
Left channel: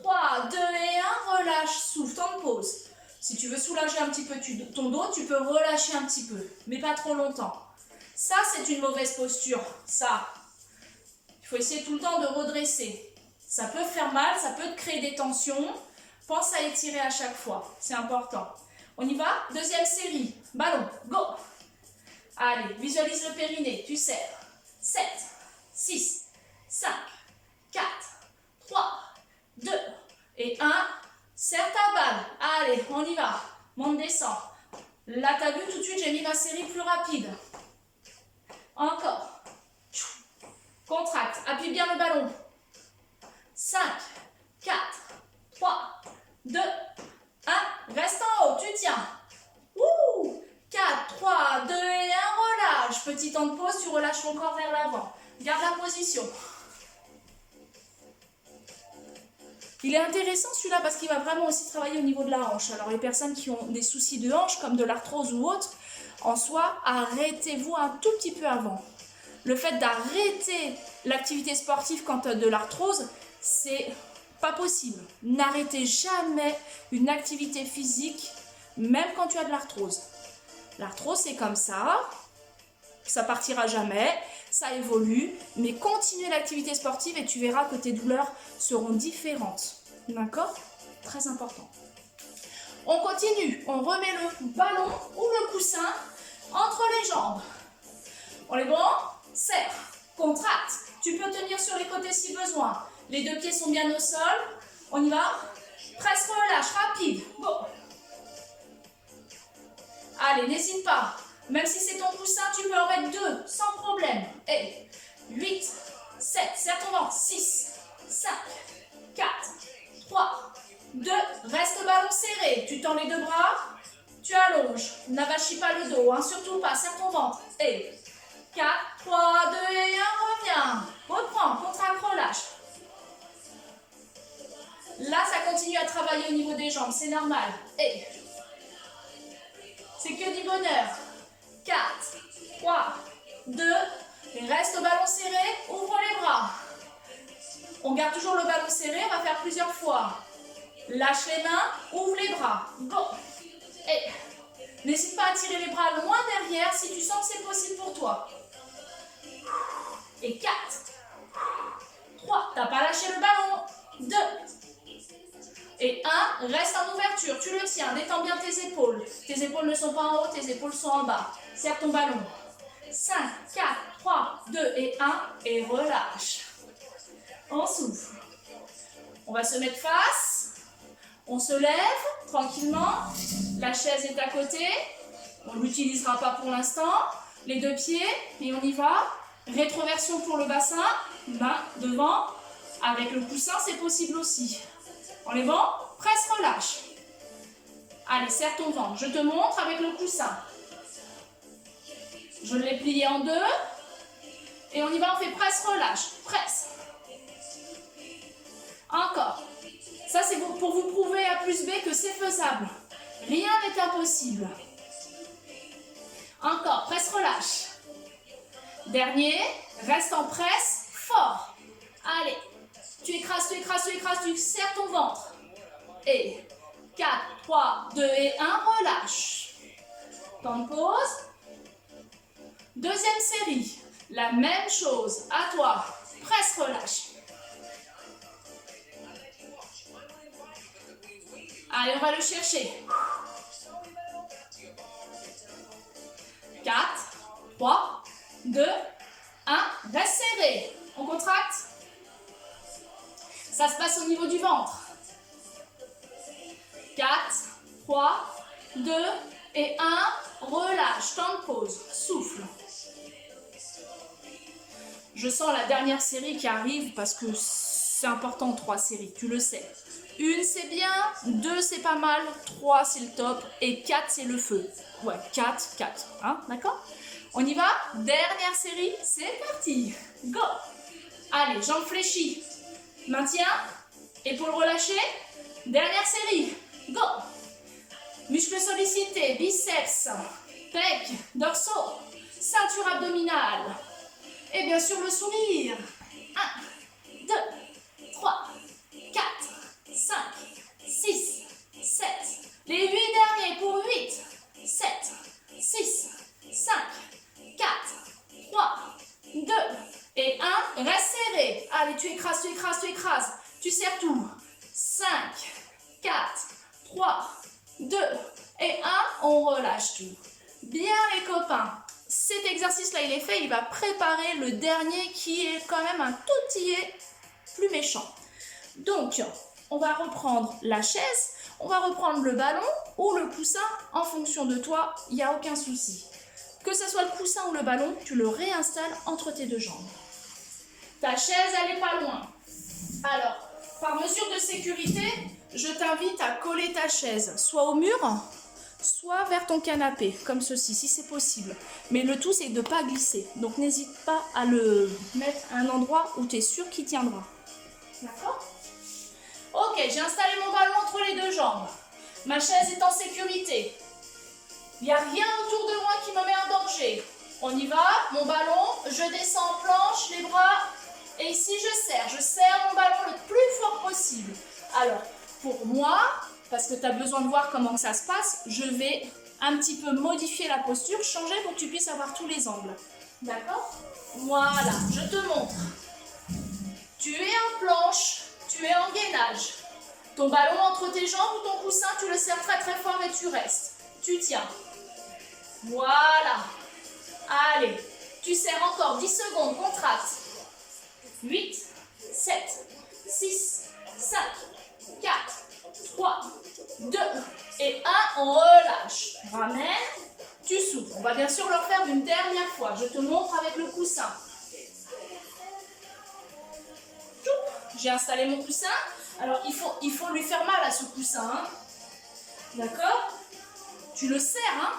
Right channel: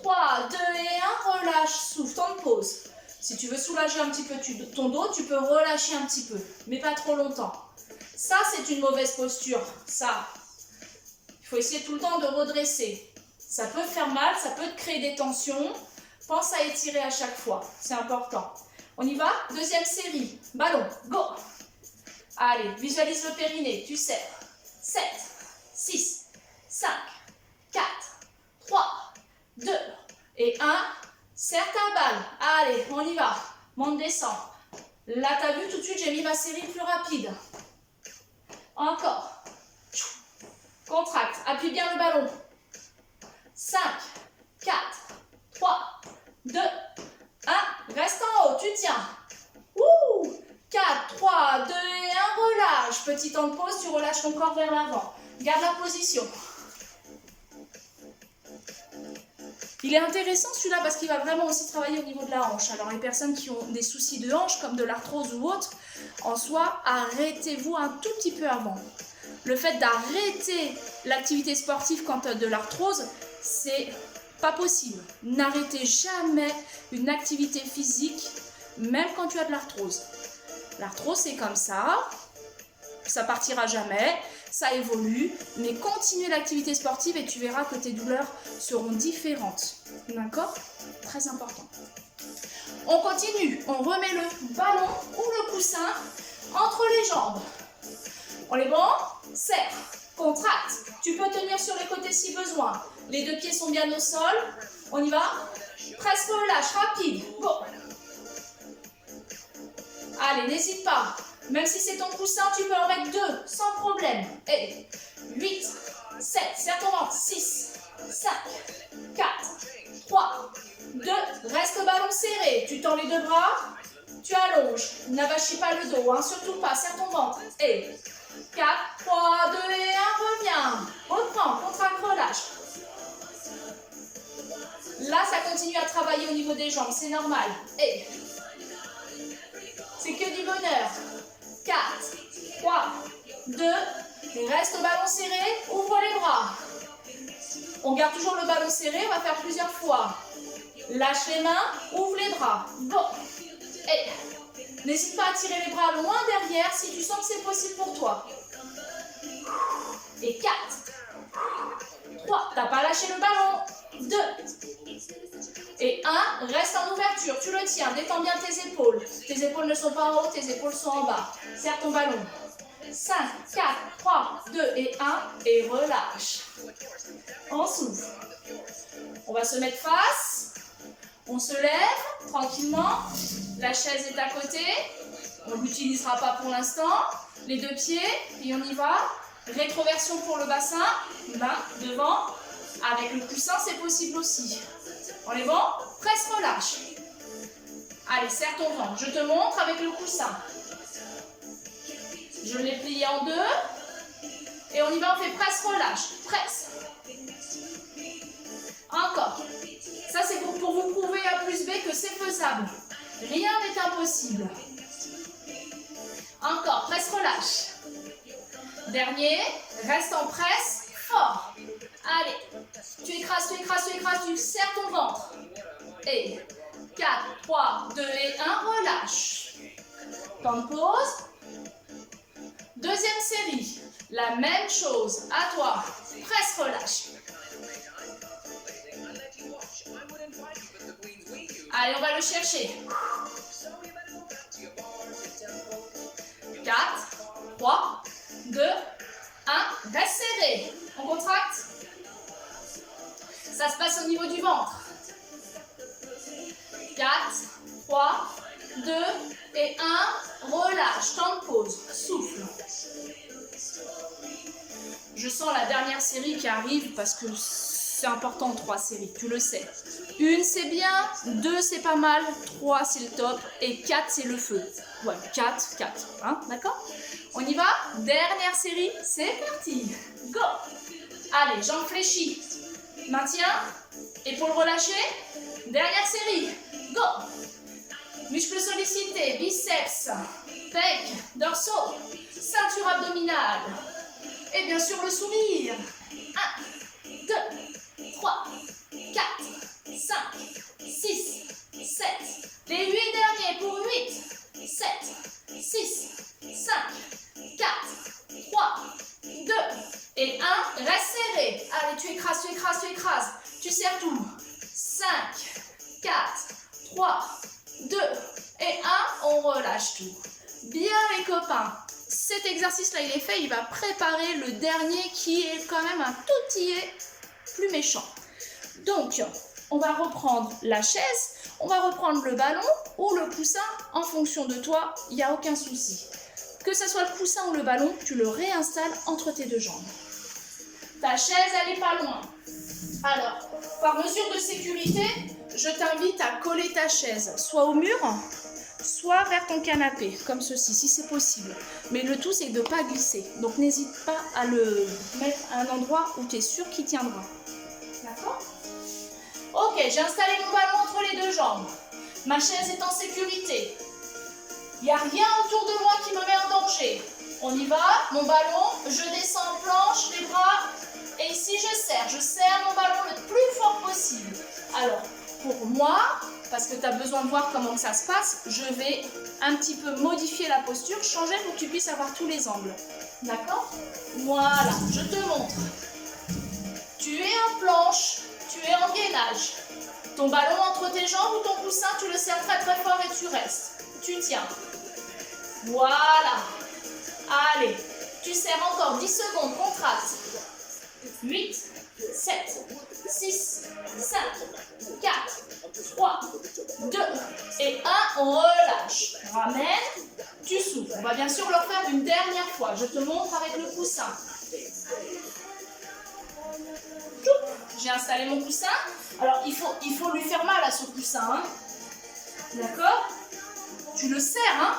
3, 2 et 1. Relâche. Souffle. Temps de pause. Si tu veux soulager un petit peu ton dos, tu peux relâcher un petit peu, mais pas trop longtemps. Ça, c'est une mauvaise posture. Ça, il faut essayer tout le temps de redresser. Ça peut faire mal, ça peut te créer des tensions. Pense à étirer à chaque fois, c'est important. On y va? Deuxième série. Ballon, go! Allez, visualise le périnée, tu serres. 7, 6, 5, 4, 3, 2 et 1. Serre ta balle. Allez, on y va. Monte, descend. Là, tu as vu, tout de suite, j'ai mis ma série plus rapide. Encore. Contracte. Appuie bien le ballon. 5, 4, 3, 2, 1. Reste en haut. Tu tiens. Ouh. 4, 3, 2 et 1. Relâche. Petit temps de pause. Tu relâches ton corps vers l'avant. Garde la position. Il est intéressant celui-là parce qu'il va vraiment aussi travailler au niveau de la hanche. Alors les personnes qui ont des soucis de hanche comme de l'arthrose ou autre, en soi, arrêtez-vous un tout petit peu avant. Le fait d'arrêter l'activité sportive quand tu as de l'arthrose, c'est pas possible. N'arrêtez jamais une activité physique, même quand tu as de l'arthrose. L'arthrose, c'est comme ça partira jamais, ça évolue, mais continue l'activité sportive et tu verras que tes douleurs seront différentes. D'accord? Très important. On continue, on remet le ballon ou le coussin entre les jambes. On est bon? Serre, contracte. Tu peux tenir sur les côtés si besoin. Les deux pieds sont bien au sol. On y va? Presse, relâche, rapide. Go. Allez, n'hésite pas. Même si c'est ton coussin, tu peux en mettre 2, sans problème. Et 8, 7, serre ton ventre. 6, 5, 4, 3, 2, reste ballon serré. Tu tends les deux bras, tu allonges. N'avachis pas le dos, hein, surtout pas, serre ton ventre. Et 4, 3, 2 et 1, reviens. Reprends, contracte, relâche. Là, ça continue à travailler au niveau des jambes, c'est normal. Et c'est que du bonheur. 4, 3, 2, reste au ballon serré, ouvre les bras. On garde toujours le ballon serré, on va faire plusieurs fois. Lâche les mains, ouvre les bras. Go. Et n'hésite pas à tirer les bras loin derrière si tu sens que c'est possible pour toi. Et 4, 3, t'as pas lâché le ballon. 2, et 1, reste en ouverture, tu le tiens, détends bien tes épaules. Tes épaules ne sont pas en haut, tes épaules sont en bas. Serre ton ballon. 5, 4, 3, 2 et 1, et relâche. On souffle. On va se mettre face. On se lève tranquillement. La chaise est à côté. On ne l'utilisera pas pour l'instant. Les deux pieds, et on y va. Rétroversion pour le bassin. Main devant. Avec le coussin, c'est possible aussi. On est bon? Presse, relâche. Allez, serre ton ventre. Je te montre avec le coussin. Je l'ai plié en 2. Et on y va, on fait presse, relâche. Presse. Encore. Ça, c'est pour vous prouver à plus B que c'est faisable. Rien n'est impossible. Encore, presse, relâche. Dernier, reste en presse, fort. Allez, tu écrases, tu serres ton ventre. Et 4, 3, 2 et 1, relâche. Temps de pause. Deuxième série, la même chose. À toi, presse, relâche. Allez, on va le chercher. 4, 3, 2, 1. Reste serré. On contracte. Ça se passe au niveau du ventre. 4, 3, 2 et 1. Relâche. Temps de pause. Souffle. Je sens la dernière série qui arrive parce que c'est important, 3 séries, tu le sais. 1 c'est bien, 2 c'est pas mal, 3 c'est le top et 4 c'est le feu. Ouais, 4, 4, hein, d'accord? On y va? Dernière série, c'est parti. Go! Allez, jambes fléchies. Maintien, épaules relâchées. Dernière série. Go! Muscles sollicités, biceps, pecs, dorsaux, ceinture abdominale. Et bien sûr le sourire. 1, 2, 3, 4, 5, 6, 7. Les 8 derniers pour 8, 7, 6, 5, 4, 3, 2 et 1. Reste serré. Allez, tu écrases, tu écrases, tu écrases. Tu serres tout. 5, 4, 3, 2 et 1. On relâche tout. Bien les copains. Cet exercice-là, il est fait, il va préparer le dernier qui est quand même un tout petit plus méchant. Donc, on va reprendre la chaise, on va reprendre le ballon ou le coussin en fonction de toi, il n'y a aucun souci. Que ce soit le coussin ou le ballon, tu le réinstalles entre tes deux jambes. Ta chaise, elle n'est pas loin. Alors, par mesure de sécurité, je t'invite à coller ta chaise, soit au mur, soit vers ton canapé, comme ceci, si c'est possible. Mais le tout, c'est de ne pas glisser. Donc, n'hésite pas à le mettre à un endroit où tu es sûr qu'il tiendra. D'accord? Ok, j'ai installé mon ballon entre les deux jambes. Ma chaise est en sécurité. Il n'y a rien autour de moi qui me met en danger. On y va, mon ballon, je descends en planche, les bras, et ici je serre mon ballon le plus fort possible. Alors, pour moi, parce que tu as besoin de voir comment que ça se passe, je vais un petit peu modifier la posture, changer pour que tu puisses avoir tous les angles. D'accord? Voilà, je te montre. Tu es en planche, tu es en gainage. Ton ballon entre tes jambes ou ton coussin, tu le serres très très fort et tu restes. Tu tiens. Voilà. Allez, tu serres encore 10 secondes, contracte. 8, 7, 6, 5, 4, 3, 2 et 1. On relâche. Ramène, tu souffles. On va bien sûr le refaire une dernière fois. Je te montre avec le coussin. J'ai installé mon coussin. Alors, il faut lui faire mal à ce coussin. Hein. D'accord? Tu le serres. Hein.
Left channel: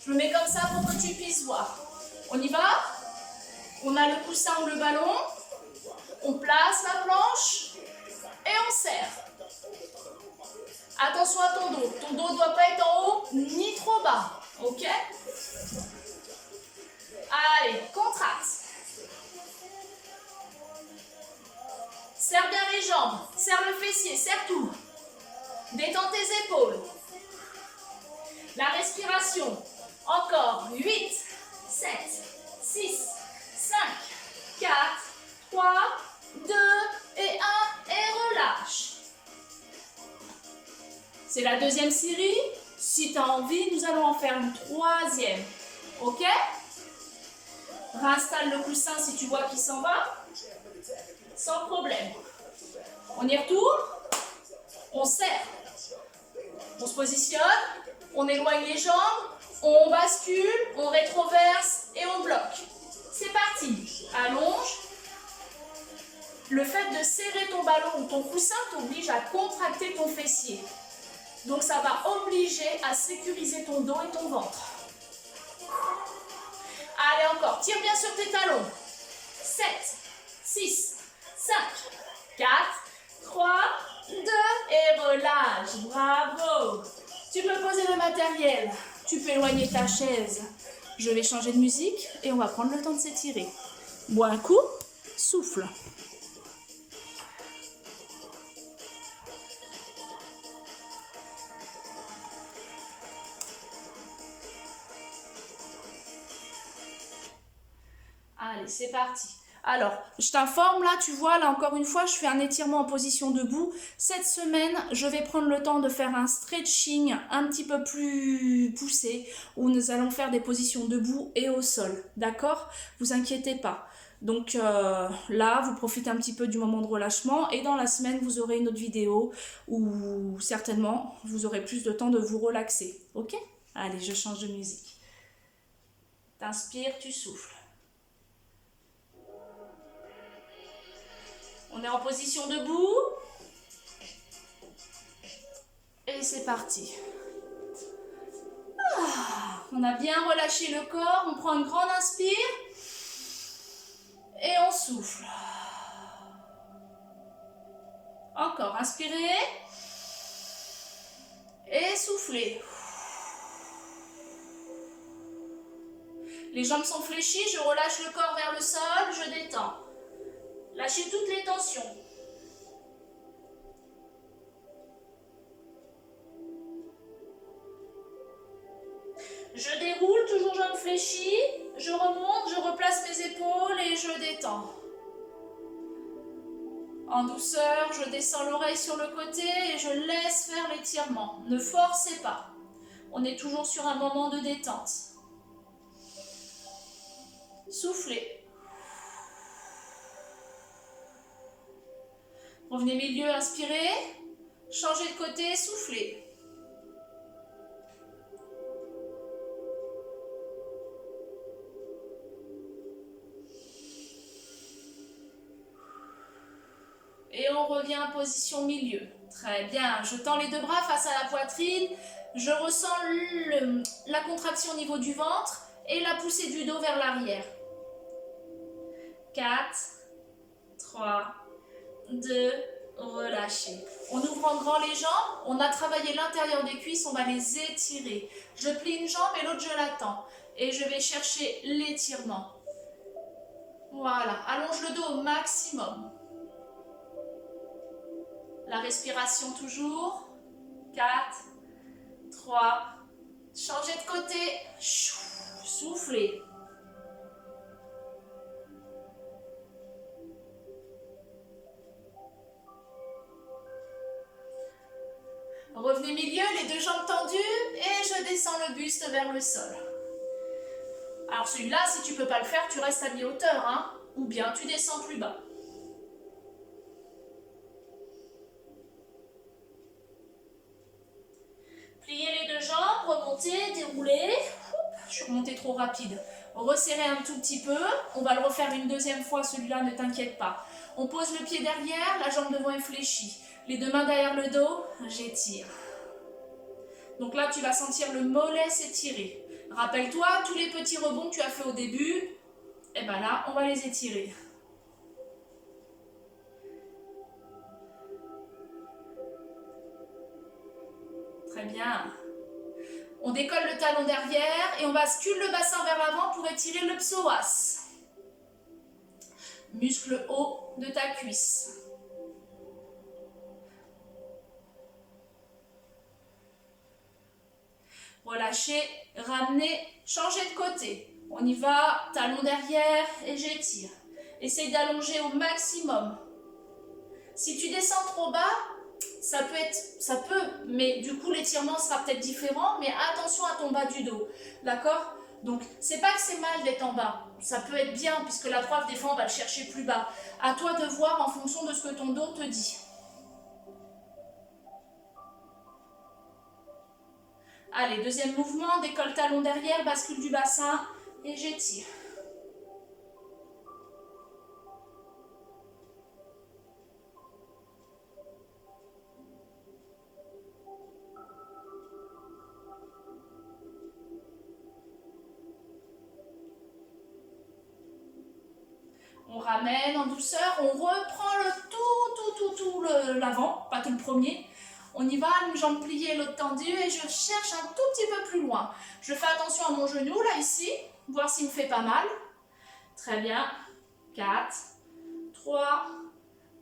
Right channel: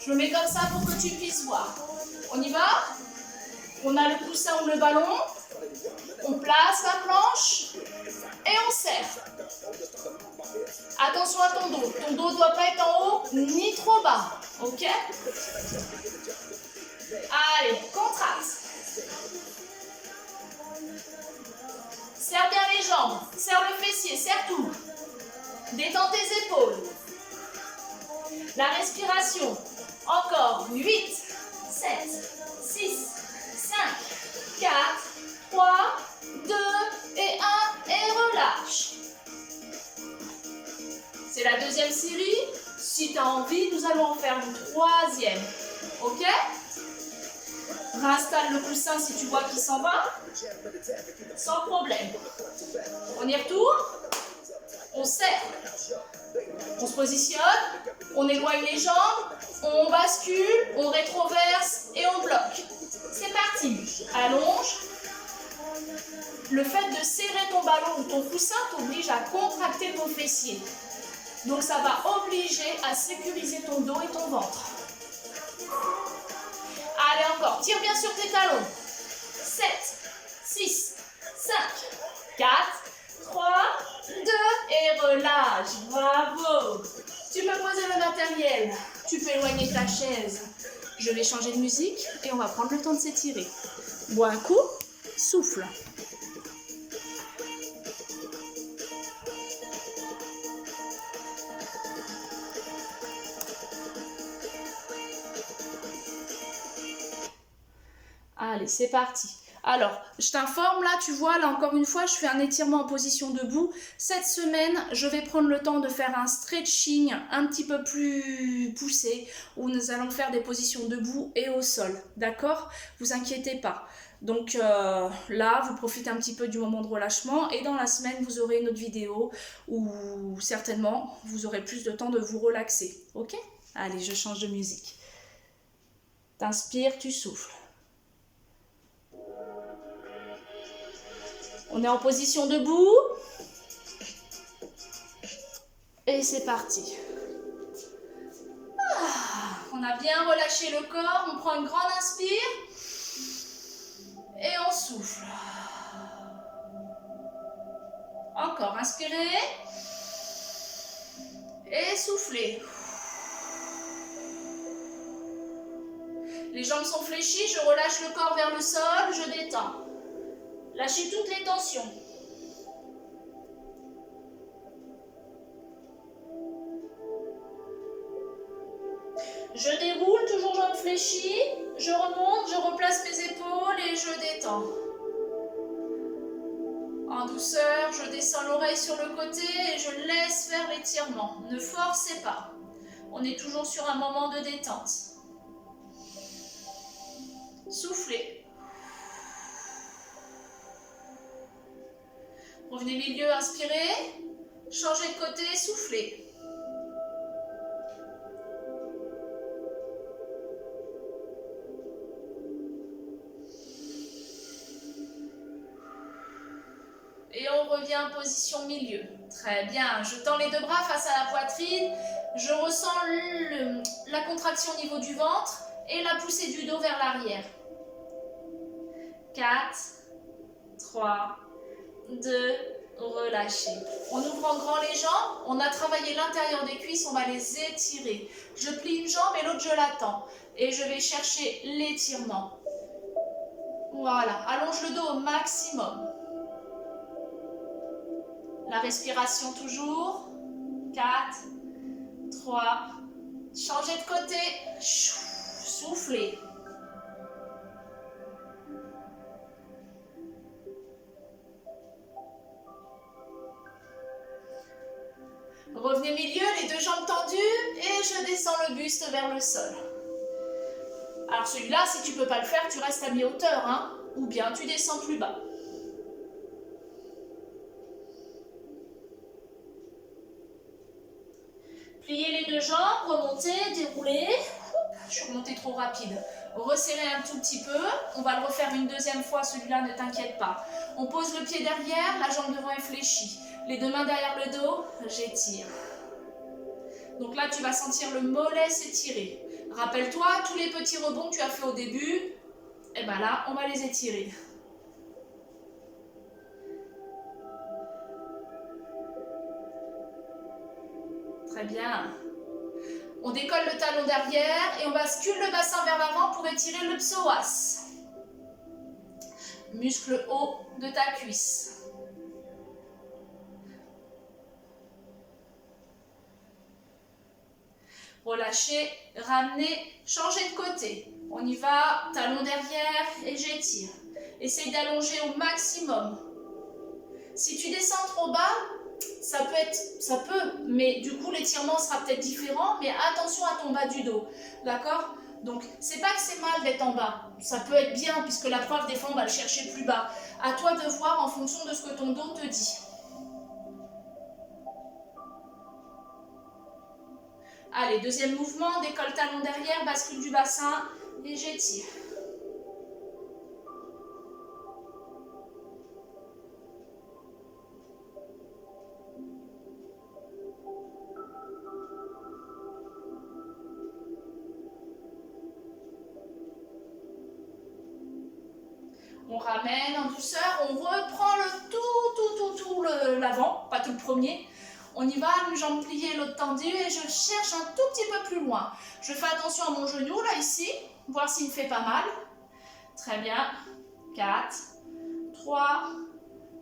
Je le mets comme ça pour que tu puisses voir. On y va? On a le coussin ou le ballon. On place la planche et on serre. Attention à ton dos. Ton dos ne doit pas être en haut ni trop bas. Ok? Allez, contracte. Serre bien les jambes. Serre le fessier. Serre tout. Détends tes épaules. La respiration. Encore. 8, 7, 6, 5, 4, 3, 2 et 1. Et relâche. C'est la deuxième série. Si tu as envie, nous allons en faire une troisième. Ok? Réinstalle le coussin si tu vois qu'il s'en va. Sans problème. On y retourne. On serre. On se positionne. On éloigne les jambes. On bascule. On rétroverse et on bloque. C'est parti. Allonge. Le fait de serrer ton ballon ou ton coussin t'oblige à contracter ton fessier. Donc ça va obliger à sécuriser ton dos et ton ventre. Allez encore, tire bien sur tes talons. 7, 6, 5, 4, 3, 2 et relâche. Bravo. Tu peux poser le matériel. Tu peux éloigner ta chaise. Je vais changer de musique et on va prendre le temps de s'étirer. Bois un coup, souffle. Allez, c'est parti. Alors, je t'informe, là, tu vois, là, encore une fois, je fais un étirement en position debout. Cette semaine, je vais prendre le temps de faire un stretching un petit peu plus poussé, où nous allons faire des positions debout et au sol, d'accord? Vous inquiétez pas. Donc là, vous profitez un petit peu du moment de relâchement et dans la semaine, vous aurez une autre vidéo où certainement, vous aurez plus de temps de vous relaxer, ok? Allez, je change de musique. T'inspires, tu souffles. On est en position debout. Et c'est parti. On a bien relâché le corps. On prend une grande inspire. Et on souffle. Encore, inspirez. Et soufflez. Les jambes sont fléchies. Je relâche le corps vers le sol. Je détends. Lâchez toutes les tensions. Je déroule, toujours jambes fléchies. Je remonte, je replace mes épaules et je détends. En douceur, je descends l'oreille sur le côté et je laisse faire l'étirement. Ne forcez pas. On est toujours sur un moment de détente. Soufflez. Revenez milieu, inspirez. Changez de côté, soufflez. Et on revient en position milieu. Très bien. Je tends les deux bras face à la poitrine. Je ressens la contraction au niveau du ventre et la poussée du dos vers l'arrière. 4, 3, 2, relâchez. On ouvre en grand les jambes. On a travaillé l'intérieur des cuisses. On va les étirer. Je plie une jambe et l'autre je l'attends. Et je vais chercher l'étirement. Voilà. Allonge le dos au maximum. La respiration toujours. 4, 3, changez de côté. Soufflez. Revenez milieu, les deux jambes tendues et je descends le buste vers le sol. Alors celui-là, si tu ne peux pas le faire, tu restes à mi-hauteur, hein, ou bien tu descends plus bas. Pliez les deux jambes, remontez, déroulez. Je suis remontée trop rapide. Resserrez un tout petit peu. On va le refaire une deuxième fois, celui-là, ne t'inquiète pas. On pose le pied derrière, la jambe devant est fléchie. Les deux mains derrière le dos, j'étire. Donc là, tu vas sentir le mollet s'étirer. Rappelle-toi, tous les petits rebonds que tu as fait au début, et bien là, on va les étirer. Très bien. On décolle le talon derrière et on bascule le bassin vers l'avant pour étirer le psoas. Muscle haut de ta cuisse. Relâchez, ramenez, changez de côté. On y va, talon derrière et j'étire. Essaye d'allonger au maximum. Si tu descends trop bas, ça peut, mais du coup l'étirement sera peut-être différent, mais attention à ton bas du dos, d'accord? Donc c'est pas que c'est mal d'être en bas, ça peut être bien puisque la preuve des fois on va le chercher plus bas. À toi de voir en fonction de ce que ton dos te dit. Allez, deuxième mouvement, décolle talon derrière, bascule du bassin et j'étire. On ramène en douceur, on reprend l'avant, pas tout le premier. On y va, une jambe pliée, l'autre tendue et je cherche un tout petit peu plus loin. Je fais attention à mon genou, là, ici, voir s'il me fait pas mal. Très bien. 4, 3,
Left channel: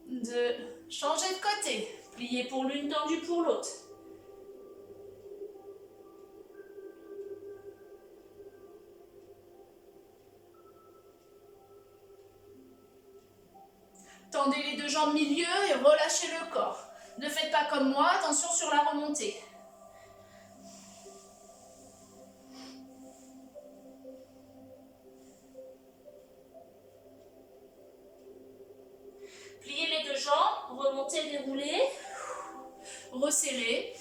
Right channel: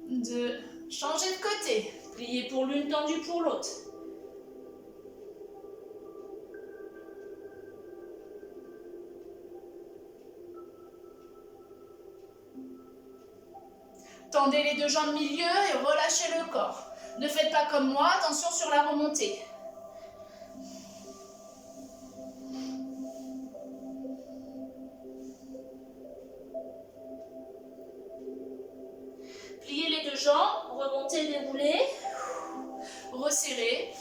2, changez de côté. Plié pour l'une, tendu pour l'autre. Tendez les deux jambes milieu et relâchez le corps. Ne faites pas comme moi, attention sur la remontée. Pliez les deux jambes, remontez, déroulez, resserrez.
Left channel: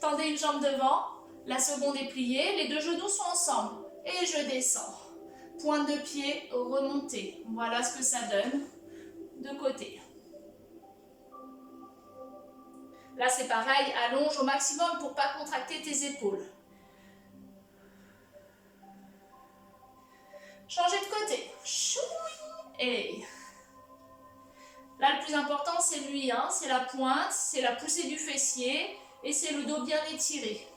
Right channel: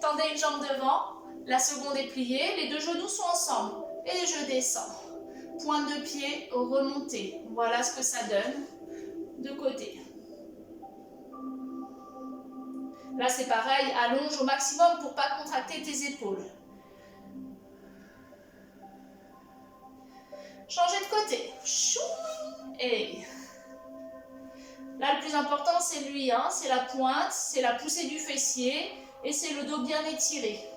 Tendez une jambe devant, la seconde est pliée, les deux genoux sont ensemble. Et je descends. Pointe de pied, remontez. Voilà ce que ça donne de côté. Là, c'est pareil, allonge au maximum pour ne pas contracter tes épaules. Changez de côté. Et là, le plus important, c'est lui. Hein. C'est la pointe, c'est la poussée du fessier et c'est le dos bien étiré.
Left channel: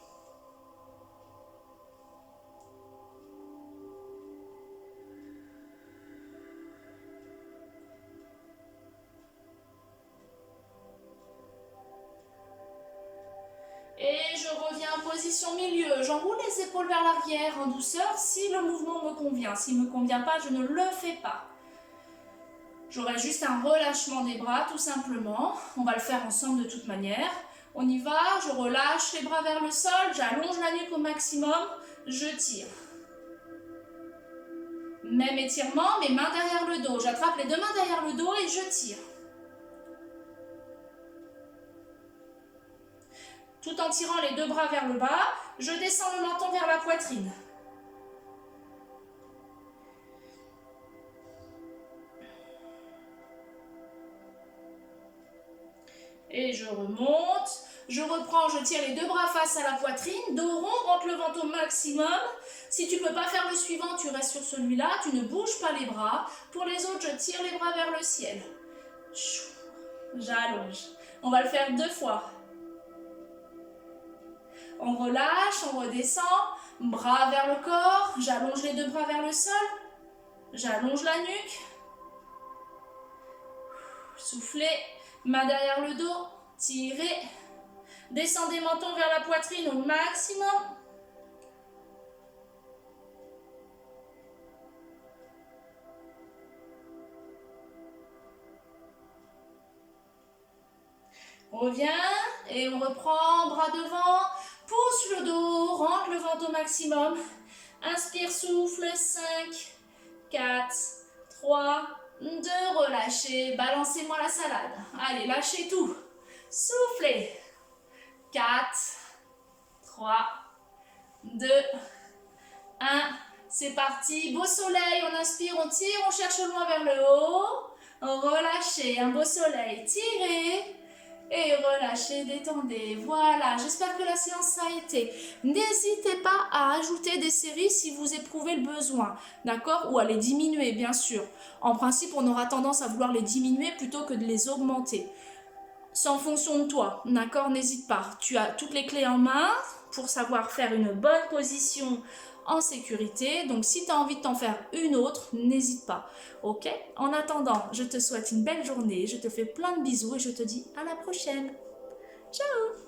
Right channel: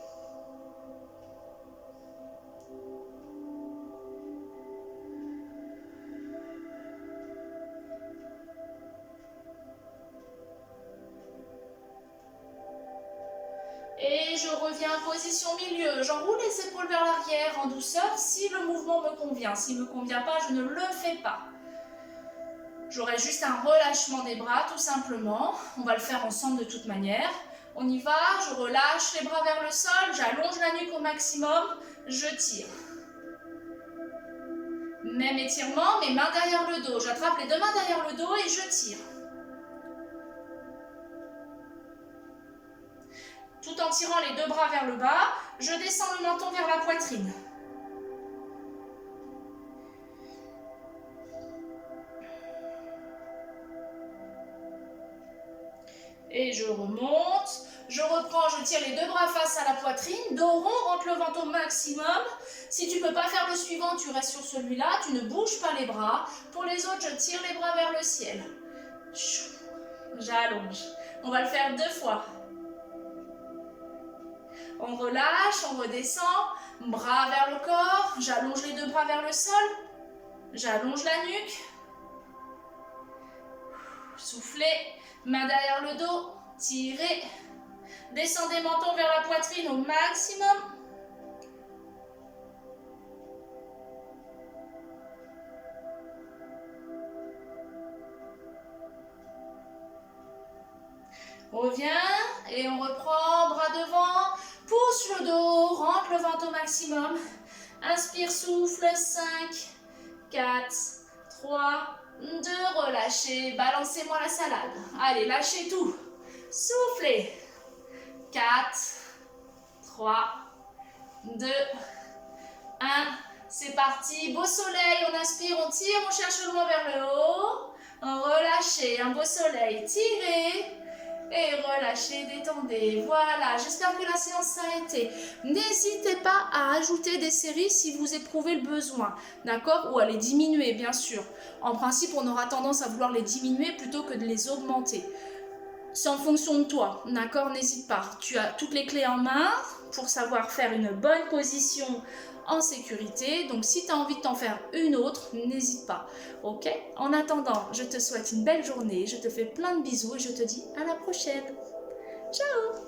Et je reviens en position milieu. J'enroule les épaules vers l'arrière en douceur si le mouvement me convient. S'il ne me convient pas, je ne le fais pas. J'aurai juste un relâchement des bras tout simplement. On va le faire ensemble de toute manière. On y va, je relâche les bras vers le sol, j'allonge la nuque au maximum, je tire. Même étirement, mes mains derrière le dos. J'attrape les deux mains derrière le dos et je tire. Tout en tirant les deux bras vers le bas, je descends le menton vers la poitrine. Et je remonte, je reprends, je tire les deux bras face à la poitrine, dos rond, rentre le ventre au maximum. Si tu ne peux pas faire le suivant, tu restes sur celui-là, tu ne bouges pas les bras. Pour les autres, je tire les bras vers le ciel. J'allonge. On va le faire 2 fois. On relâche, on redescend, bras vers le corps, j'allonge les deux bras vers le sol, j'allonge la nuque. Soufflez, main derrière le dos, tirez. Descendez menton vers la poitrine au maximum. On revient et on reprend, bras devant, pousse le dos, rentre le ventre au maximum. Inspire, souffle, 5, 4, 3, 2, relâchez, balancez-moi la salade. Allez, lâchez tout. Soufflez. 4, 3, 2, 1. C'est parti. Beau soleil, on inspire, on tire, on cherche loin vers le haut. Relâchez, un beau soleil, tirez. Et relâchez, détendez. Voilà, j'espère que la séance a été. N'hésitez pas à ajouter des séries si vous éprouvez le besoin, d'accord? Ou à les diminuer, bien sûr. En principe, on aura tendance à vouloir les diminuer plutôt que de les augmenter. C'est en fonction de toi, d'accord? N'hésite pas. Tu as toutes les clés en main pour savoir faire une bonne position en sécurité. Donc, si tu as envie de t'en faire une autre, n'hésite pas. Ok? En attendant, je te souhaite une belle journée. Je te fais plein de bisous et je te dis à la prochaine. Ciao!